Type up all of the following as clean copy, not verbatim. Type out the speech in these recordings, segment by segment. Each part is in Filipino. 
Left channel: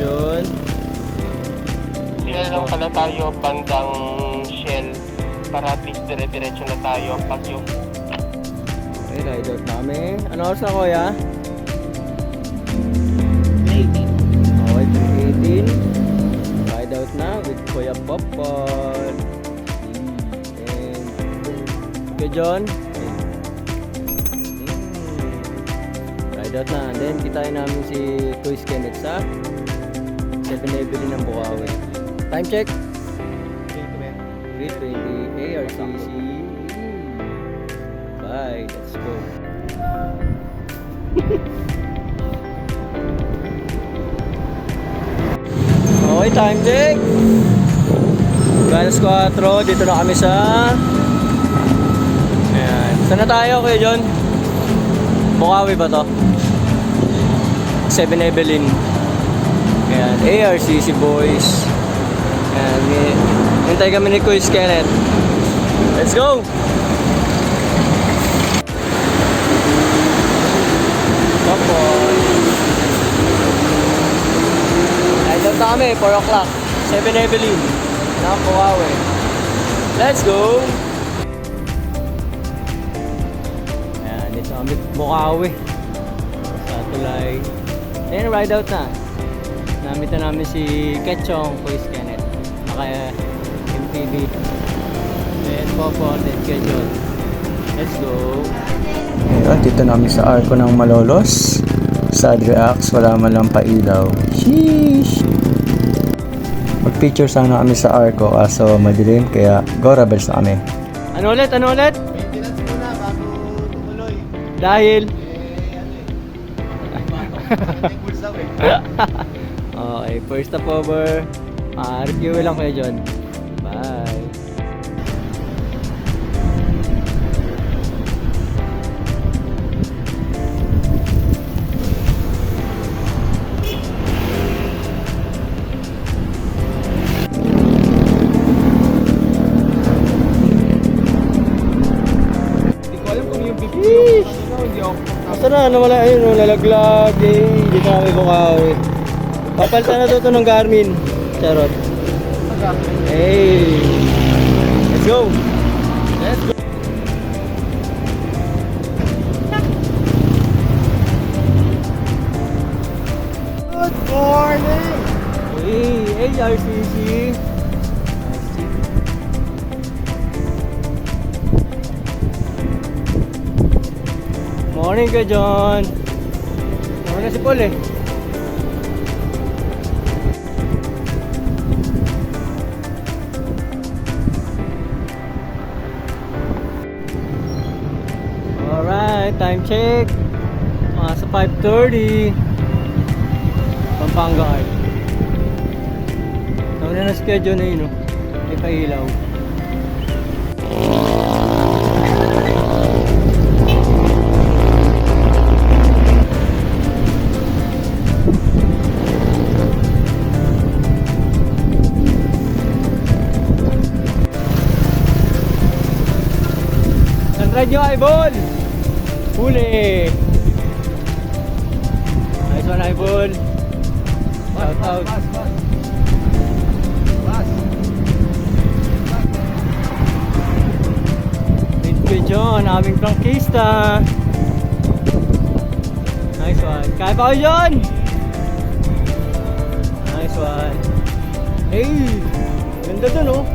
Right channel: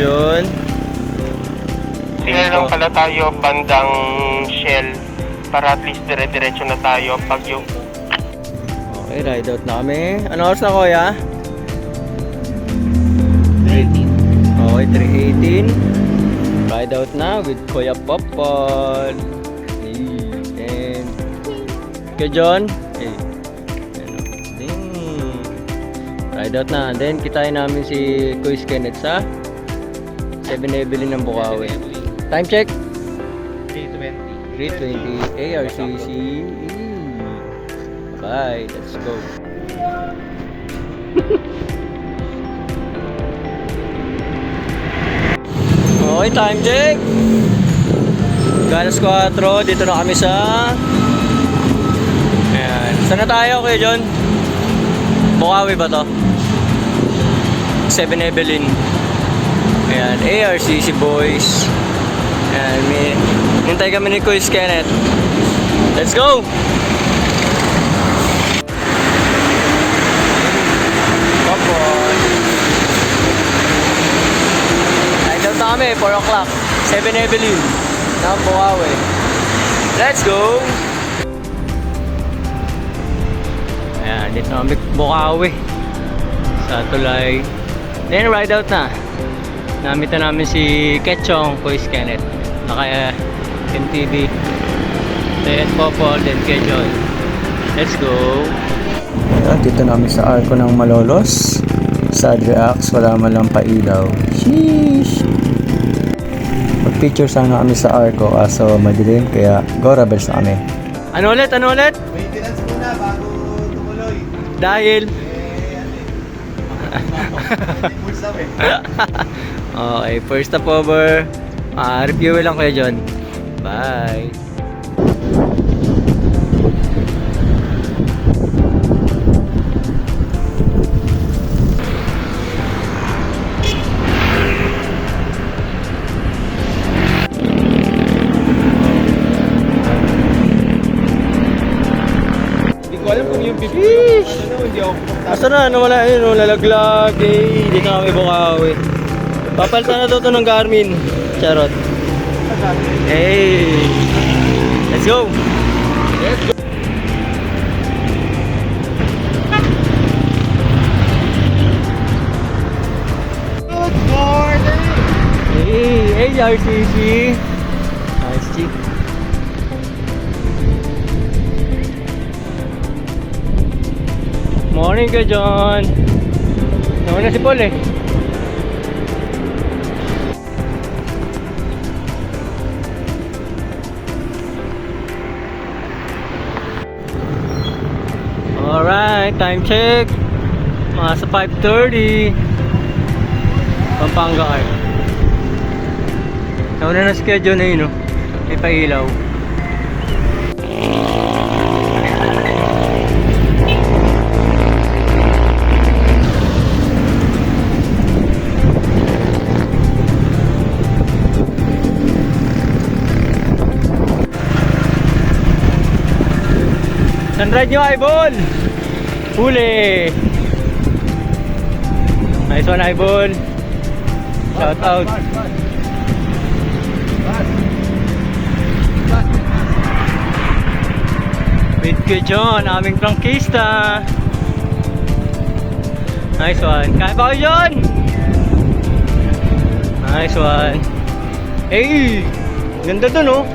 John. Sige lang pala tayo bandang Shell para at least dire-diretso na tayo pag yung Okay, ride out na kami. Ano oras na, kuya? 3:18. Okay, 3:18. Ride out na with Kuya Popol. And Kuya John. Ride out na. Then kitain namin si Kuya Kenneth sa 7-Eleven ng Bukawi. Time check. 3:20 ARCC. Bye. Let's go. Okay, time check. Galas 4. Dito na kami sa ayan. Saan na tayo, Kuya John? Bukawi ba to? 7-Eleven. Ayan, ARCC boys. Ayan, hintay kami ni Kuya Kenneth. Let's go! Popol. Ride out na kami, 4 o'clock. 7-Eleven. Bukawi. Let's go! Ayan, dito kami Bukawi. Sa tulay. Then ride out na. Namita namin si Ketchong, Kuya Kenneth. Naka MTV. Then Popol, then Ketchong. Let's go! Dito namin sa Arco ng Malolos. Sad reacts, wala man lang pailaw. Sheesh! Mag-picture sana kami sa Arco, kaso madilim, kaya go rebels na kami. Ano ulit? Ano ulit? Maintenance muna bago tumuloy. Dahil? Eh, Okay, first stop over. Review lang kayo John. Bye. Hindi ko alam kung yung bibig. Hindi ako. Asa na? Nawala yun, no? Lalaglag. Eh, dito kami Bukawi. Papalitan na to ng Garmin. Charot. Hey! Let's go! Let's go. Good morning! Hey! ARCC! Nice chick. Morning ka, John! Naman na si Paul eh. Alright, time check. Mga sa 5:30. Pampanga ay. Nauna na schedule na yun, no? May pailaw. Sunride nyo, Ibol! Huli! Nice one, Ibol! Shout out! With Kuya John, aming prangkista! Nice one! Kaya pa ko, John! Nice one! Hey! Ganda dun, oh!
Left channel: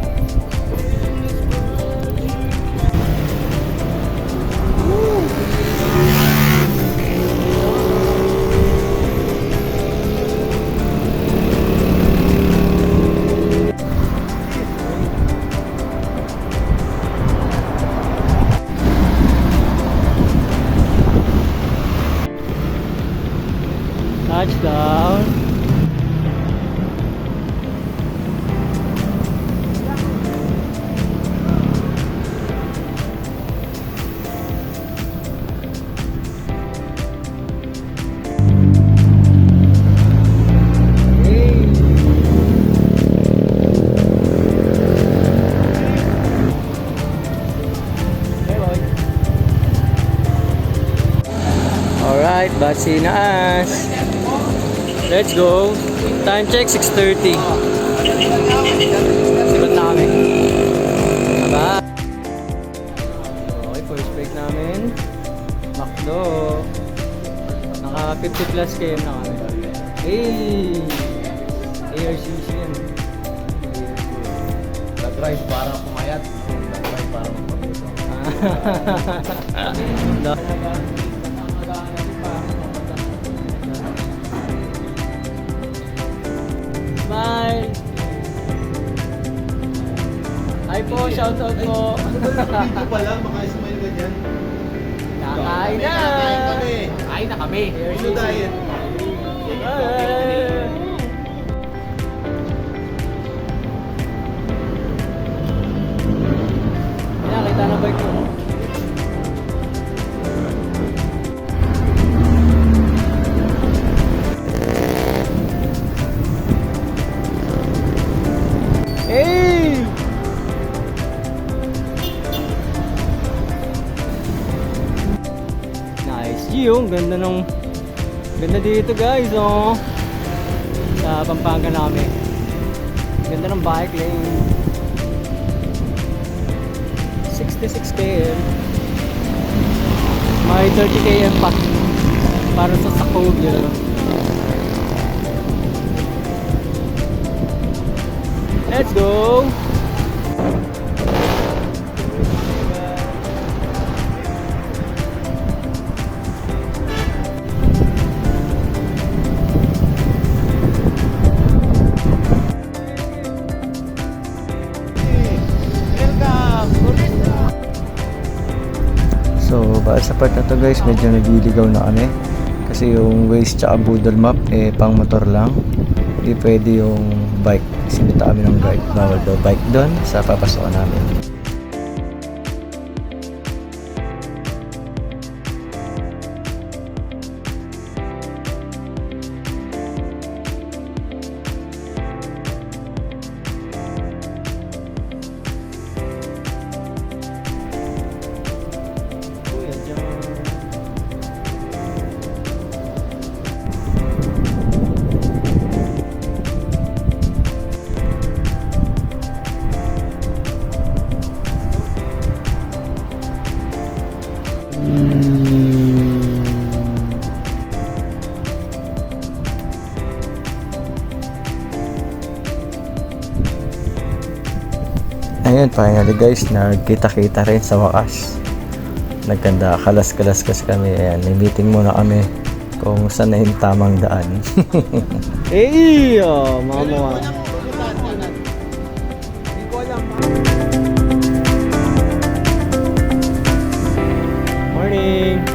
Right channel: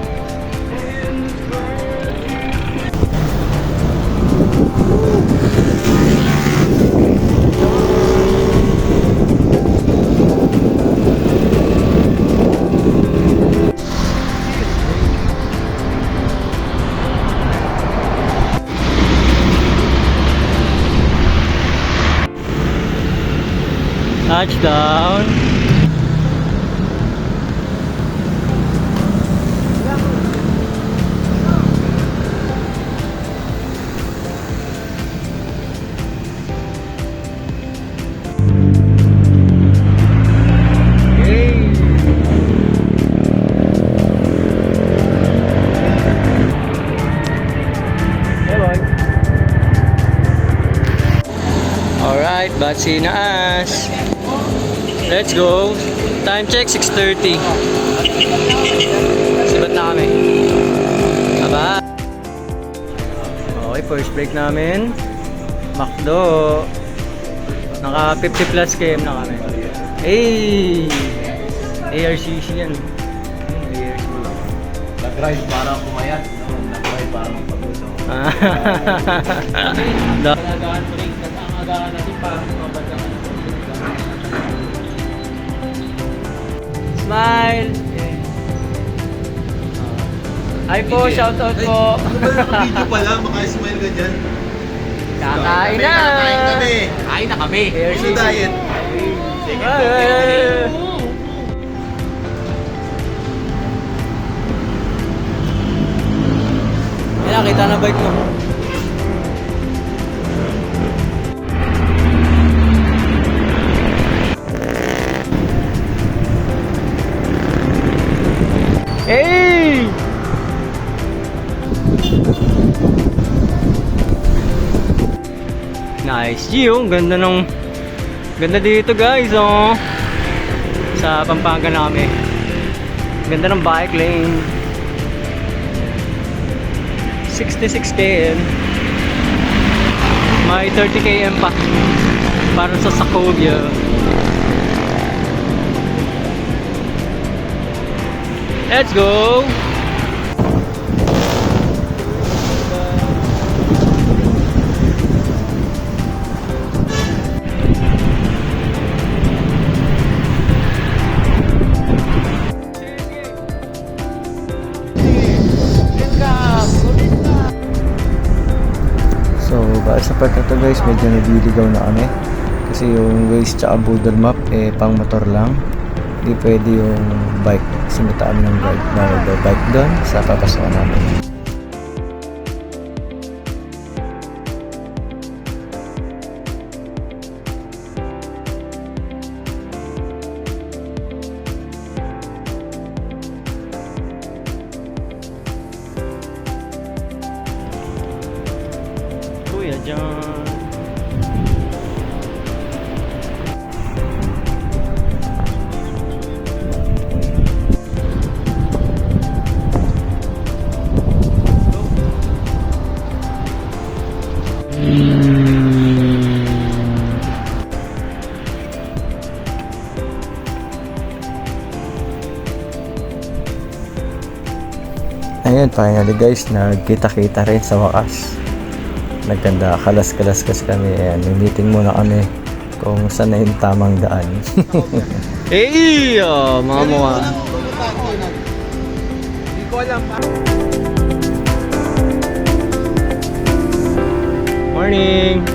Touchdown. Alright, Batsinaas. Let's go. Time check, 6:30. Sibat na kami. Aba. Okay, first break namin. McDo. Naka 50 plus km na kami. Hey! ARCC yan. ARCC. Nag-drive para pumayat. Nag-drive para magpagusto. Smile! Hi po, shout out po. Video pa lang, maka-smile ka dyan. Kakain na! Kakain kami. Kain na kami. Ano diet? Ayan, kita na bike mo. Hey! Nice view, ganda dito guys, oh. Sa Pampanga namin. Ganda ng bike lane. 66 km. May 30 km pa para sa Sacovia. Let's go! So, baka sa part na to guys, medyo naliligaw na kami. Kasi yung Waze tsaka Google Map, pang motor lang. Hindi pwede yung bike. Sinita kami ng guide na mag-bike doon sa papasokan namin. Kuya John. Ayun, finally guys, nagkita-kita rin sa wakas. Nagkanda, kalas-kalas kami. Ayan, may meeting muna kami kung saan na yung tamang daan. Hey! Mga mukha. Hindi ko alam. Morning!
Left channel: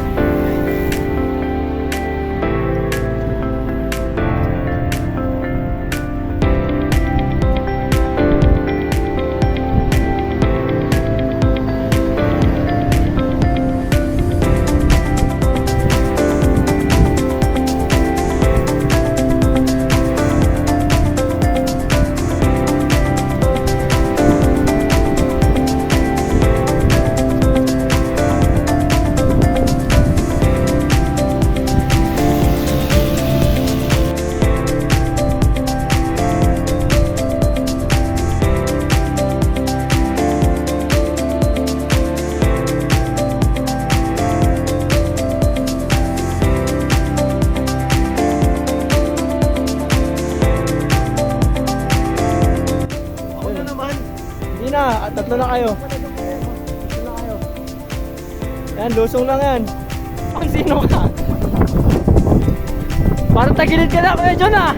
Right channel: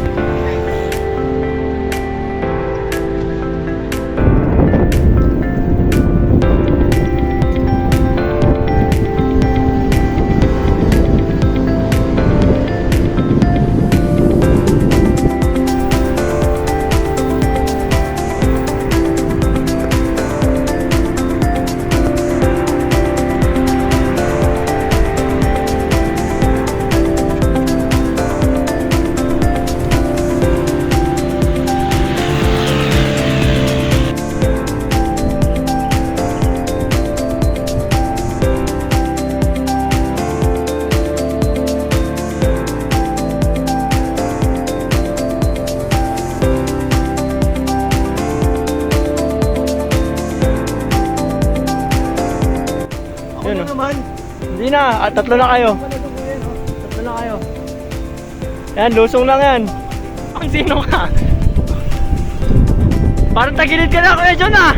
Hindi na, tatlo na kayo. Tatlo na kayo. Yan, lusong lang yan. Ang sino ka? Parang tagilid ka na, Kuya John ah.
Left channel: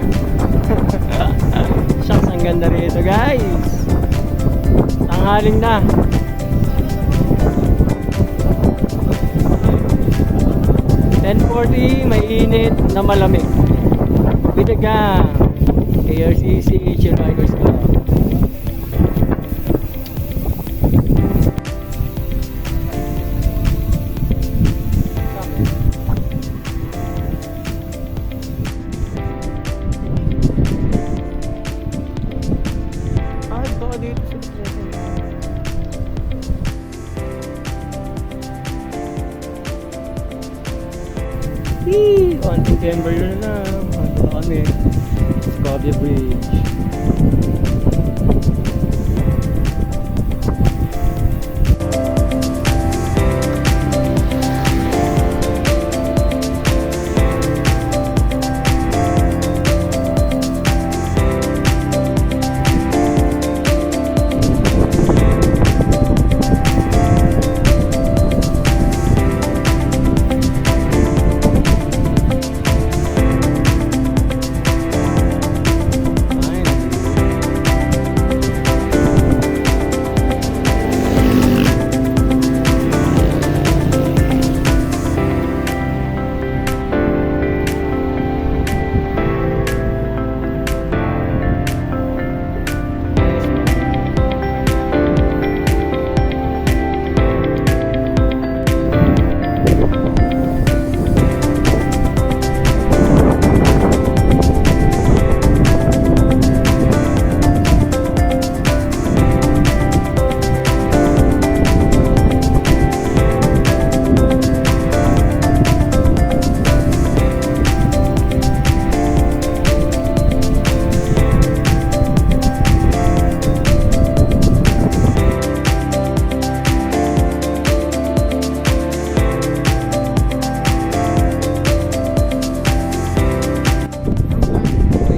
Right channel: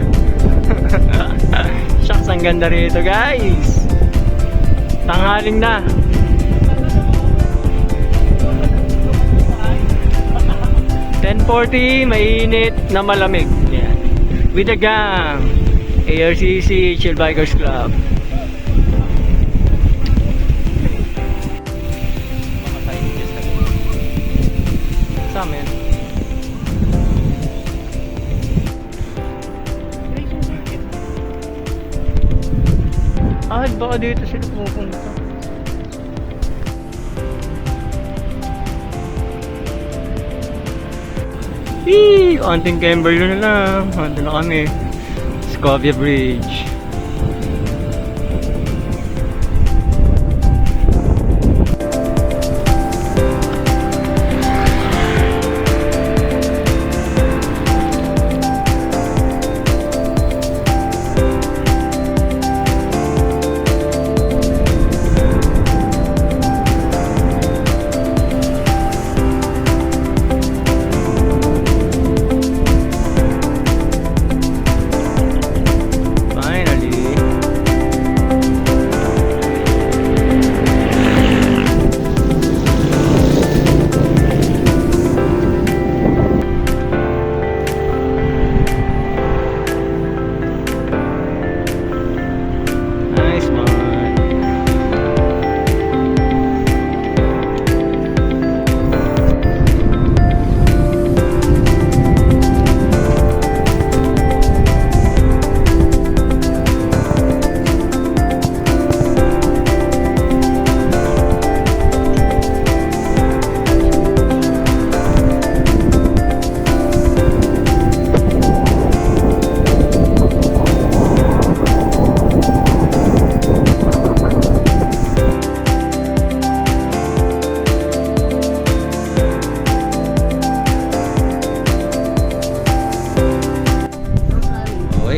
Shucks, ang ganda rito guys. Tanghaling na. $10.40, mainit na malamig. Yan. With the gang. ARCC Chill Bikers Club. Sa amin. Baka dito sila pupunta. Konting Kimberly na lang. Ando na kami. Scovia Bridge.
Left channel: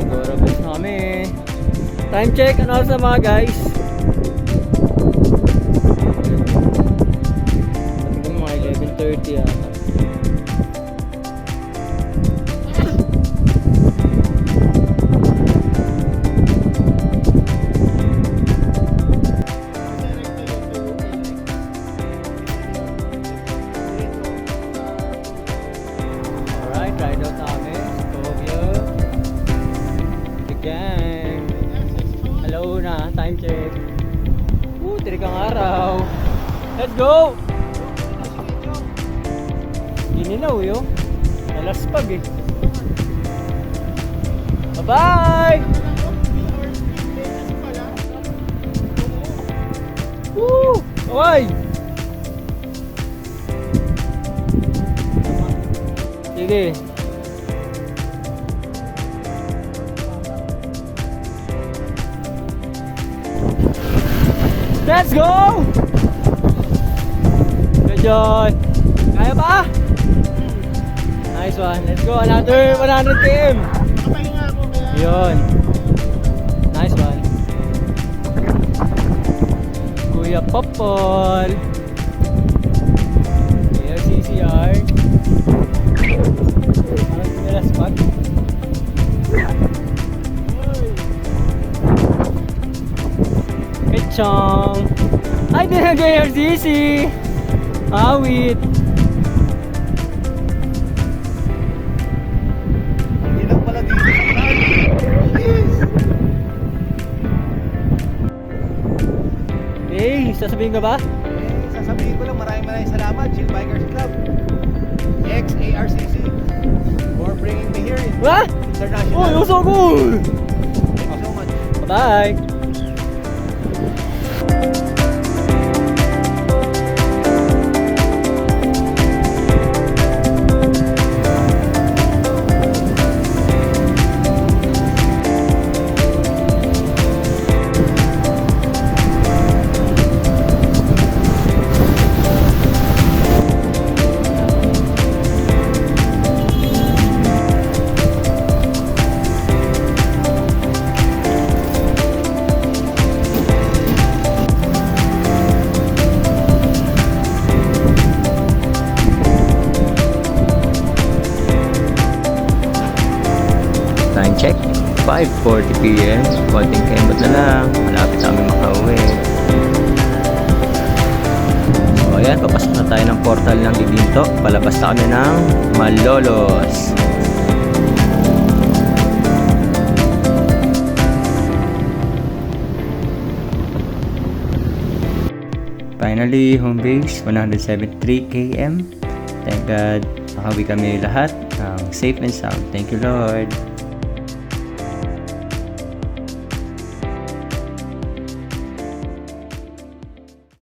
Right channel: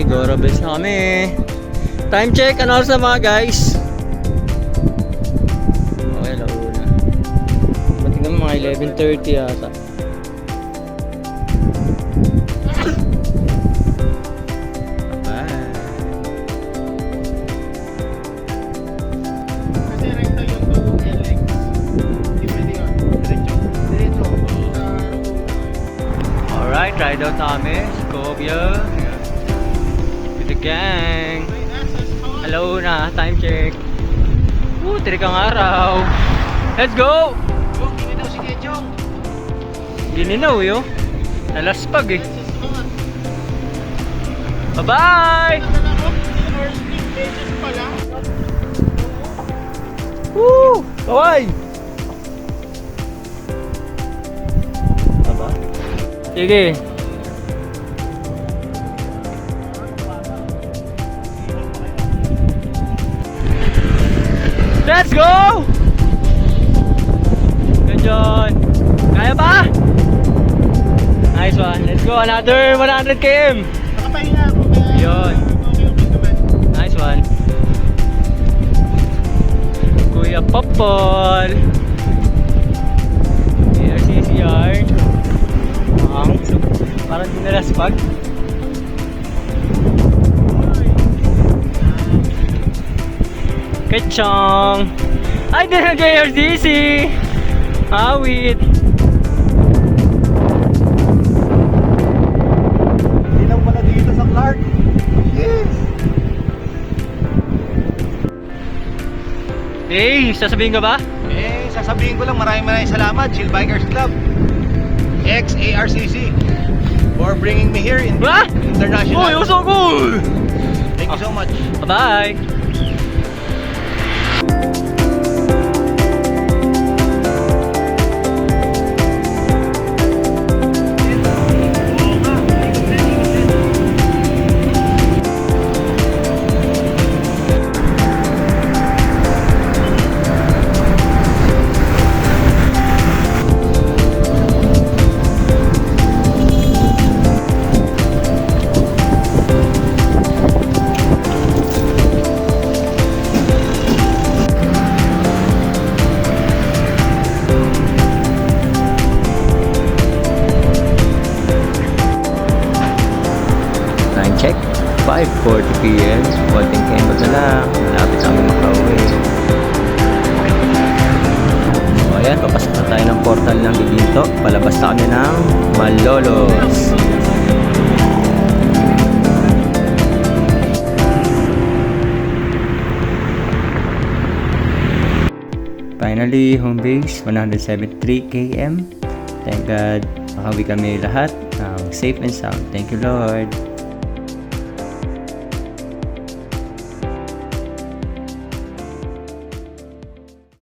Gorabes na kami. Time check, ano oras na mga guys? Okay lang. Matignan mga 11:30 yata. Alright, ride out na kami. Scovia. The gang. Hello na, time check. Trikang araw. Let's go! Gininaw si Kechong. Gininaw yo. Nalaspag eh. Bye-bye! Woo! Bye! Sige. Let's go! Good job! Kaya pa? Nice one. Let's go. Another 100 km. Yun. Nice one. Kuya Popol. ARCCR. Parang dinalaspag. Kechong! Ay, din ang JRDC! Awit! Hindi lang pala dito sa vlog. Hey, sasabihin ka ba? Sasabihin ko lang maraming salamat Chill Bikers Club ex-ARCC for bringing me here in What? international. Oh, you're so good! Thank you so much. Bye-bye! Time check, 5:40 PM. Konting kembot na lang. Malapit na kami makauwi. So ayan, papasok na tayo ng portal ng Giginto. Palabas na kami ng Malolos. Finally, home base, 173 km. Thank God, nakawi kami lahat ng safe and sound. Thank you Lord.